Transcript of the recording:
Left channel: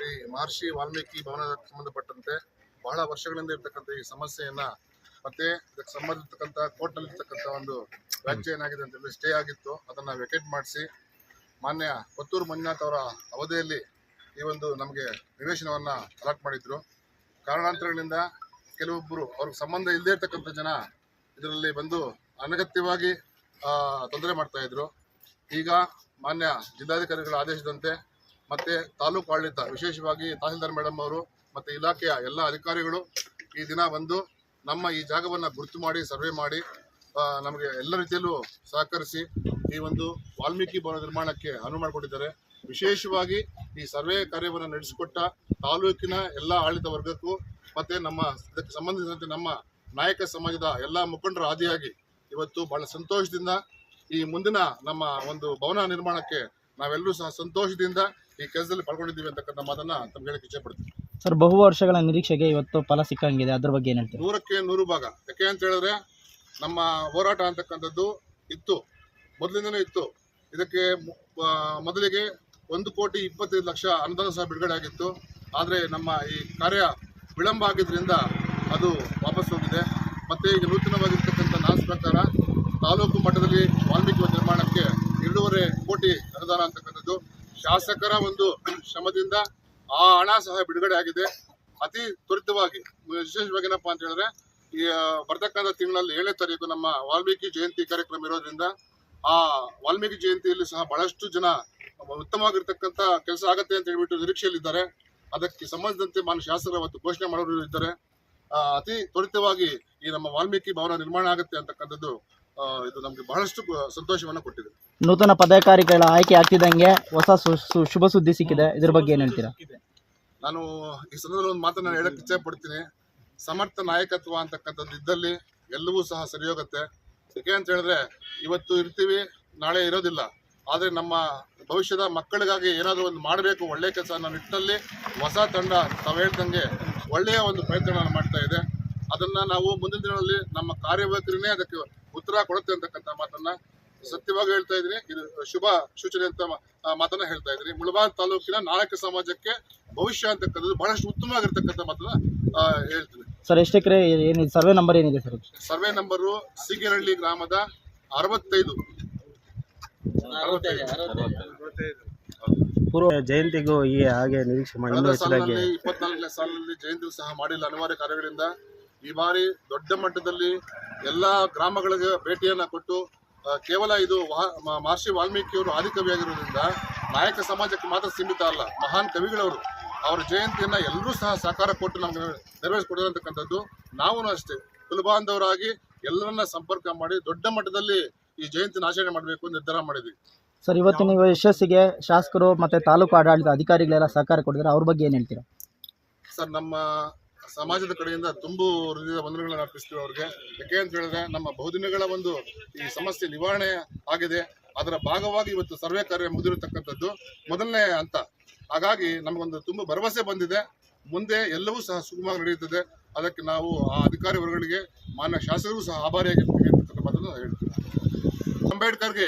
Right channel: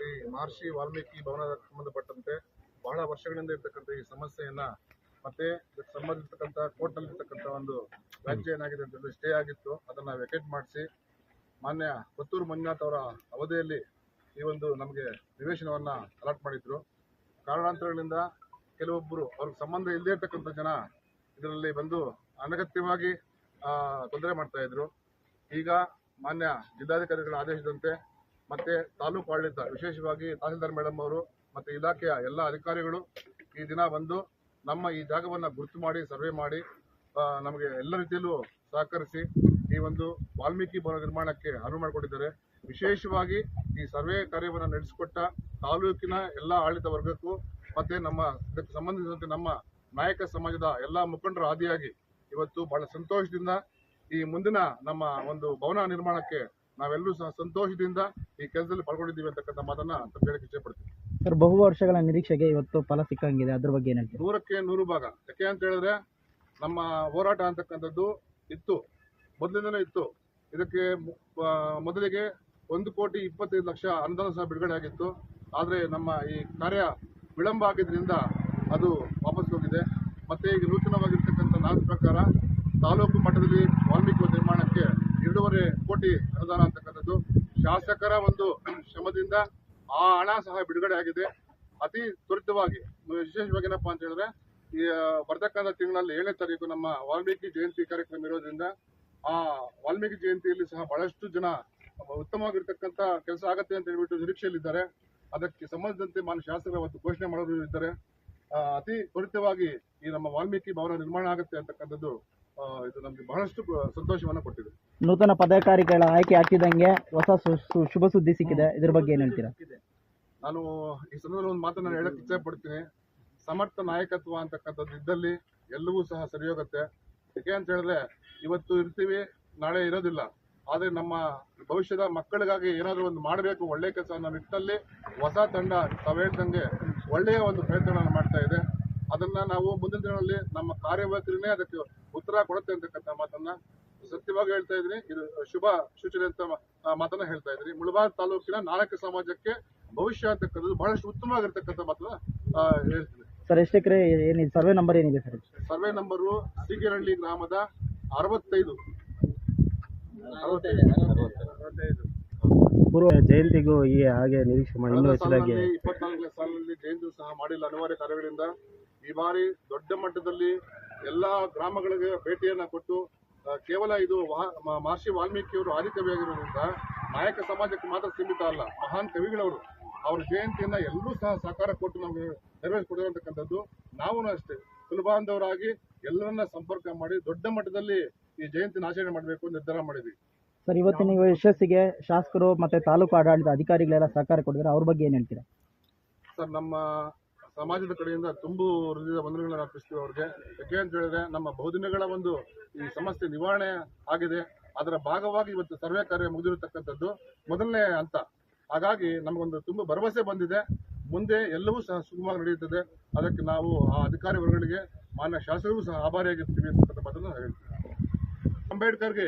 ಶ್ರೀ ಮಹರ್ಷಿ ವಾಲ್ಮೀಕಿ ಭವನಕ್ಕೆ ಸಂಬಂಧಪಟ್ಟಂತೆ ಬಹಳ ವರ್ಷಗಳಿಂದ ಇರ್ತಕ್ಕಂಥ ಈ ಸಮಸ್ಯೆಯನ್ನ ಮತ್ತೆ ಇದಕ್ಕೆ ಸಂಬಂಧಿಸಿರ್ತಕ್ಕಂಥ ಕೋರ್ಟ್ನಲ್ಲಿ ಇರ್ತಕ್ಕಂಥ ಒಂದು ವ್ಯಾಜ್ಯ ಏನಾಗಿದೆ ಅಂತ ಹೇಳಿ ಸ್ಟೇ ಆಗಿತ್ತು. ಅದನ್ನ ವೆಕೇಟ್ ಮಾಡಿಸಿ, ಮಾನ್ಯ ಕೊತ್ತೂರು ಮಂಜುನಾಥ್ ಅವರ ಅವಧಿಯಲ್ಲಿ ಈ ಒಂದು ನಮಗೆ ನಿವೇಶನವನ್ನ ಅಲಾಟ್ ಮಾಡಿದ್ರು. ಕಾರಣಾಂತರಗಳಿಂದ ಕೆಲವೊಬ್ಬರು ಅವ್ರಿಗೆ ಸಂಬಂಧ ಇಲ್ಲದೇ ಇರ್ತಕ್ಕಂಥ ಜನ ಇದರಲ್ಲಿ ಬಂದು ಅನಗತ್ಯವಾಗಿ ತೊಂದರೆ ಮಾಡ್ತಾ ಇದ್ರು. ಈಗ ಮಾನ್ಯ ಜಿಲ್ಲಾಧಿಕಾರಿಗಳ ಆದೇಶದಂತೆ ಮತ್ತೆ ತಾಲೂಕು ಆಡಳಿತ, ವಿಶೇಷವಾಗಿ ತಹಸೀಲ್ದಾರ್ ಮೇಡಮ್ ಅವರು ಮತ್ತೆ ಇಲಾಖೆಯ ಎಲ್ಲ ಅಧಿಕಾರಿಗಳು ಈ ದಿನ ಬಂದು ನಮ್ಮ ಈ ಜಾಗವನ್ನು ಗುರುತು ಮಾಡಿ, ಸರ್ವೆ ಮಾಡಿ ನಮಗೆ ಎಲ್ಲ ರೀತಿಯಲ್ಲೂ ಸಹಕರಿಸಿ ಈ ಒಂದು ವಾಲ್ಮೀಕಿ ಭವನ ನಿರ್ಮಾಣಕ್ಕೆ ಅನುವು ಮಾಡಿಕೊಟ್ಟಿದ್ದಾರೆ. ವಿಶೇಷವಾಗಿ ಈ ಸರ್ವೆ ಕಾರ್ಯವನ್ನು ನಡೆಸಿಕೊಟ್ಟ ತಾಲೂಕಿನ ಎಲ್ಲ ಆಡಳಿತ ವರ್ಗಕ್ಕೂ ಮತ್ತೆ ನಮ್ಮ ಇದಕ್ಕೆ ಸಂಬಂಧಿಸಿದಂತೆ ನಮ್ಮ ನಾಯಕ ಸಮಾಜದ ಎಲ್ಲ ಮುಖಂಡರ ಆದಿಯಾಗಿ ಇವತ್ತು ಬಹಳ ಸಂತೋಷದಿಂದ ಈ ಮುಂದಿನ ನಮ್ಮ ಒಂದು ಭವನ ನಿರ್ಮಾಣಕ್ಕೆ ನಾವೆಲ್ಲರೂ ಸಹ ಸಂತೋಷದಿಂದ ಈ ಕೆಲಸದಲ್ಲಿ ಪಾಲ್ಗೊಂಡಿದ್ದೀವಿ ಅಂತಕ್ಕಂಥ ಮಾತನ್ನ ತಮ್ಗೆ ಹೇಳಕ್ಕೆ ಇಚ್ಛೆ ಪಡ್ತೀನಿ ಸರ್ ಬಹು ವರ್ಷಗಳ ನಿರೀಕ್ಷೆಗೆ ಇವತ್ತು ಫಲ ಸಿಕ್ಕಂಗಿದೆ. ಅದ್ರ ಬಗ್ಗೆ ಏನು ಹೇಳ್ತೀರಾ? ನೂರಕ್ಕೆ ನೂರು ಭಾಗ. ಯಾಕೆ ಅಂತ ಹೇಳಿದ್ರೆ ನಮ್ಮ ಹೋರಾಟ ಅಂತಕ್ಕಂಥದ್ದು ಇತ್ತು. ಮೊದಲಿಂದನೂ ಇತ್ತು. ಇದಕ್ಕೆ ಮು- ಆ, ಮೊದಲಿಗೆ ಒಂದು ಕೋಟಿ ಇಪ್ಪತ್ತೈದು ಲಕ್ಷ ಅನುದಾನ ಸಹ ಬಿಡುಗಡೆ ಆಗಿತ್ತು. ಆದರೆ ನಮ್ಮ ಈ ಕಾರ್ಯ ವಿಳಂಬ ಆಗಿದ್ದರಿಂದ ಅದು ವಾಪಸ್ ಹೋಗಿದೆ. ಮತ್ತು ಈಗ ನೂತನವಾಗಿರ್ತಕ್ಕಂಥ ನಾಲ್ಕು ಪ್ರಕಾರ ತಾಲೂಕು ಮಟ್ಟದಲ್ಲಿ ವಾಲ್ಮೀಕಿ ವನ ನಿರ್ಮಾಣಕ್ಕೆ ಎರಡೂವರೆ ಕೋಟಿ ಅನುದಾನ ಅಂತಕ್ಕಂಥದ್ದು. ಶಾಸಕರ ಒಂದು ಶ್ರಮದಿಂದ ಆ ಹಣ ಸಹ ಬಿಡುಗಡೆ ಆಗಿದೆ. ಅತಿ ತ್ವರಿತವಾಗಿ, ವಿಶೇಷವಾಗಿ ಏನಪ್ಪ ಅಂತ ಹೇಳಿದ್ರೆ, ಈ ಬರ್ತಕ್ಕಂಥ ತಿಂಗಳಲ್ಲಿ ಏಳನೇ ತಾರೀಕು ನಮ್ಮ ವಾಲ್ಮೀಕಿ ಜಯಂತಿ ಕಾರ್ಯಕ್ರಮ ಇರೋದ್ರಿಂದ ಆ ವಾಲ್ಮೀಕಿ ಜಯಂತಿಯಲ್ಲಿ ಸಹ ಬಹಳಷ್ಟು ಜನ ಉತ್ತಮವಾಗಿರ್ತಕ್ಕಂಥ ಕೆಲಸ ಆಗತ್ತೆ ಅಂತ ಹೇಳ್ಬಿಟ್ಟು ನಿರೀಕ್ಷೆಯಲ್ಲಿದ್ದಾರೆ. ಅದಕ್ಕೆ ಸಂಬಂಧಿಸಿದಂತೆ ಮಾನ್ಯ ಶಾಸಕರು ಅವತ್ತು ಘೋಷಣೆ ಮಾಡೋರು ಇದ್ದಾರೆ. ಅತಿ ತ್ವರಿತವಾಗಿ ಈ ನಮ್ಮ ವಾಲ್ಮೀಕಿ ಭವನ ನಿರ್ಮಾಣ ಆಗುತ್ತೆ ಅಂತಕ್ಕಂಥದ್ದು ಇದು ನಮಗೆ ಬಹಳಷ್ಟು ಸಂತೋಷವನ್ನು ಕೊಟ್ಟಿದೆ. ನೂತನ ಪದಾಧಿಕಾರಿಗಳ ಆಯ್ಕೆ ಆಗ್ತಿದ್ದಂಗೆ ಹೊಸ ಶುಭ ಸುದ್ದಿ ಸಿಕ್ಕಿದೆ. ಇದ್ರ ಬಗ್ಗೆ ಏನು ಹೇಳ್ತೀರಾ? ನಾನು ಈ ಸಂದರ್ಭದಲ್ಲಿ ಒಂದು ಮಾತನ್ನ ಹೇಳಕ್ ಇಚ್ಛೆ ಪಡ್ತೀನಿ. ಸಮರ್ಥ ನಾಯಕತ್ವ ಅಂತಕ್ಕಂಥದ್ದು ಇದ್ದಲ್ಲಿ ಎಲ್ಲವೂ ಸಹ ಸರಿ ಹೋಗುತ್ತೆ ಯಾಕೆ ಅಂತ ಹೇಳಿದ್ರೆ ಇವತ್ತು ಇರ್ತೀವಿ ನಾಳೆ ಇರೋದಿಲ್ಲ. ಆದರೆ ನಮ್ಮ ಭವಿಷ್ಯದ ಮಕ್ಕಳಿಗಾಗಿ ಏನಾದರೂ ಒಂದು ಮಾಡಬೇಕು ಒಳ್ಳೆ ಕೆಲಸ ಅನ್ನೋ ನಿಟ್ಟಿನಲ್ಲಿ ಹೊಸ ತಂಡ ತಾವು ಹೇಳ್ದಂಗೆ ಒಳ್ಳೆಯ ಒಂದು ಪ್ರಯತ್ನ ಮಾಡ್ತಾ ಇದೆ. ಅದನ್ನ ನಾವು ಮುಂದಿನ ದಿನಗಳಲ್ಲಿ ನಮ್ಮ ಕಾರ್ಯವೈಖರಿನೇ ಅದಕ್ಕೆ ಉತ್ತರ ಕೊಡುತ್ತೆ ಅಂತಕ್ಕಂಥ ಮಾತನ್ನ ಸತ್ಯವಾಗಿ ಹೇಳ್ತಾ ಇದ್ರಿ ಇದು ಶುಭ ಸೂಚನೆ ಅಂತ ಮಾತನ್ನ ಹೇಳ್ತಾ ಇದ್ರಿ ಮುಳಬಾಗ್ ತಾಲೂಕಿನ ನಾಯಕ ಸಮಾಜಕ್ಕೆ ಭವಿಷ್ಯ ಅಂತಕ್ಕಂಥದ್ದು ಬಹಳಷ್ಟು ಉತ್ತಮವಾಗಿರ್ತಕ್ಕಂಥ ಮಾತನ್ನ ಹೇಳ್ತೀವಿ ಹೇಳ್ತೀನಿ. ಸರ್ ಎಷ್ಟು ಎಕರೆ ಏನಿದೆ? ಸರ್ವೆ ನಂಬರ್ ಏನಿದೆ ಸರ್? ಸರ್ವೆ ನಂಬರು ಸಿಗಿರಳ್ಳಿ ಗ್ರಾಮದ ಅರವತ್ತೈದು. ಪೂರ್ವ ಜಯಂತಿಗೂ ಈ ಹಾಗೆ ನಿರೀಕ್ಷೆ ಮಾಡಿ ಇಪ್ಪತ್ನಾಲ್ಕನೇ ಸಾಲಿನಲ್ಲಿ ಜಯಂತಿ ಸಹ ಮಾಡಿಲ್ಲ. ಅನಿವಾರ್ಯ ಕಾರ್ಯಗಳಿಂದ ಈ ಬಾರಿ ದೊಡ್ಡ ಮಟ್ಟದಲ್ಲಿ ಎಲ್ಲಾ ಗ್ರಾಮಗಳಿಗೆ ಭೇಟಿಯನ್ನು ಕೊಟ್ಟು ಕೇವಲ ಇದು ಮಹರ್ಷಿ ವಾಲ್ಮೀಕಿಯವರು ಆದಿಕವಿಯಾಗಿರುವುದರಿಂದ ನಾಯಕ ಸಮಾಜಕ್ಕೆ ಮಾತ್ರ ಸೀಮಿತ ಅಲ್ಲ ಮಹಾನ್ ಕವಿಗಳವರು ಅವರ ಜಯಂತಿಯನ್ನ ಎಲ್ಲರೂ ಸಹ ಸಹಕಾರ ಕೊಟ್ಟು ನಮಗೆ ನೆರವೇರಿಸಿಕೊಡಿರತಕ್ಕಂಥದ್ದು ನಾವು ಅಷ್ಟೇ. ಕುಲಬಾಂಧವರಾಗಿ ಎಲ್ಲರನ್ನ ಸಂಪರ್ಕ ಮಾಡಿ ದೊಡ್ಡ ಮಟ್ಟದಲ್ಲಿ ಈ ಜಯಂತಿನ ಆಚರಣೆ ಮಾಡಬೇಕು ನಿರ್ಧಾರ ಮಾಡಿದ್ವಿ. ಸರ್ ಇವತ್ತು ನೀವು ಯಶಸ್ಸಿಗೆ ಶಾಸಕರು ಮತ್ತೆ ತಾಲೂಕು ಆಡಳಿತ ಅಧಿಕಾರಿಗಳೆಲ್ಲ ಸಹಕಾರ ಕೊಡಿದ್ರೆ ಅವ್ರ ಬಗ್ಗೆ ಏನು ಹೇಳ್ತೀರಾ? ಸರ್ ನಮ್ಮ ಸಮಾಜದ ಕಡೆಯಿಂದ ತುಂಬು ಹೃದಯದ ವಂದನೆಗಳನ್ನು ಅರ್ಪಿಸ್ತೀವಿ ಅವ್ರಿಗೆ. ಯಾಕೆ ಅಂತ ಹೇಳಿದ್ರೆ ನಮ್ಮ ಬಹುದಿನಗಳ ಒಂದು ಈ ಸಮಸ್ಯೆ ನಿವಾರಣೆ ಆಗಿದೆ. ಅದರ ಭಾಗವಾಗಿ ಇವತ್ತು ಸರ್ವೆ ಕಾರ್ಯ ಮುಗಿದಿರತಕ್ಕಂಥದ್ದು. ಮೊದಲನೇ ಹಂತ. ಹಾಗಾಗಿ ನಮಗೊಂದು ತುಂಬ ಭರವಸೆ ಬಂದಿದೆ. ಮುಂದೆ ಎಲ್ಲವೂ ಸಹ ಸುಗಮವಾಗಿ ನಡೆಯುತ್ತದೆ. ಅದಕ್ಕೆ ನಾವು ಆ ಅಧಿಕಾರಿ ವರ್ಗಗಳಿಗೆ, ಮಾನ್ಯ ಶಾಸಕರು ಸಹ ಅಂತಕ್ಕಂಥ ಮಾತನ್ನು ಹೇಳ್ತೀವಿ ಅಂಬೇಡ್ಕರ್ಗೆ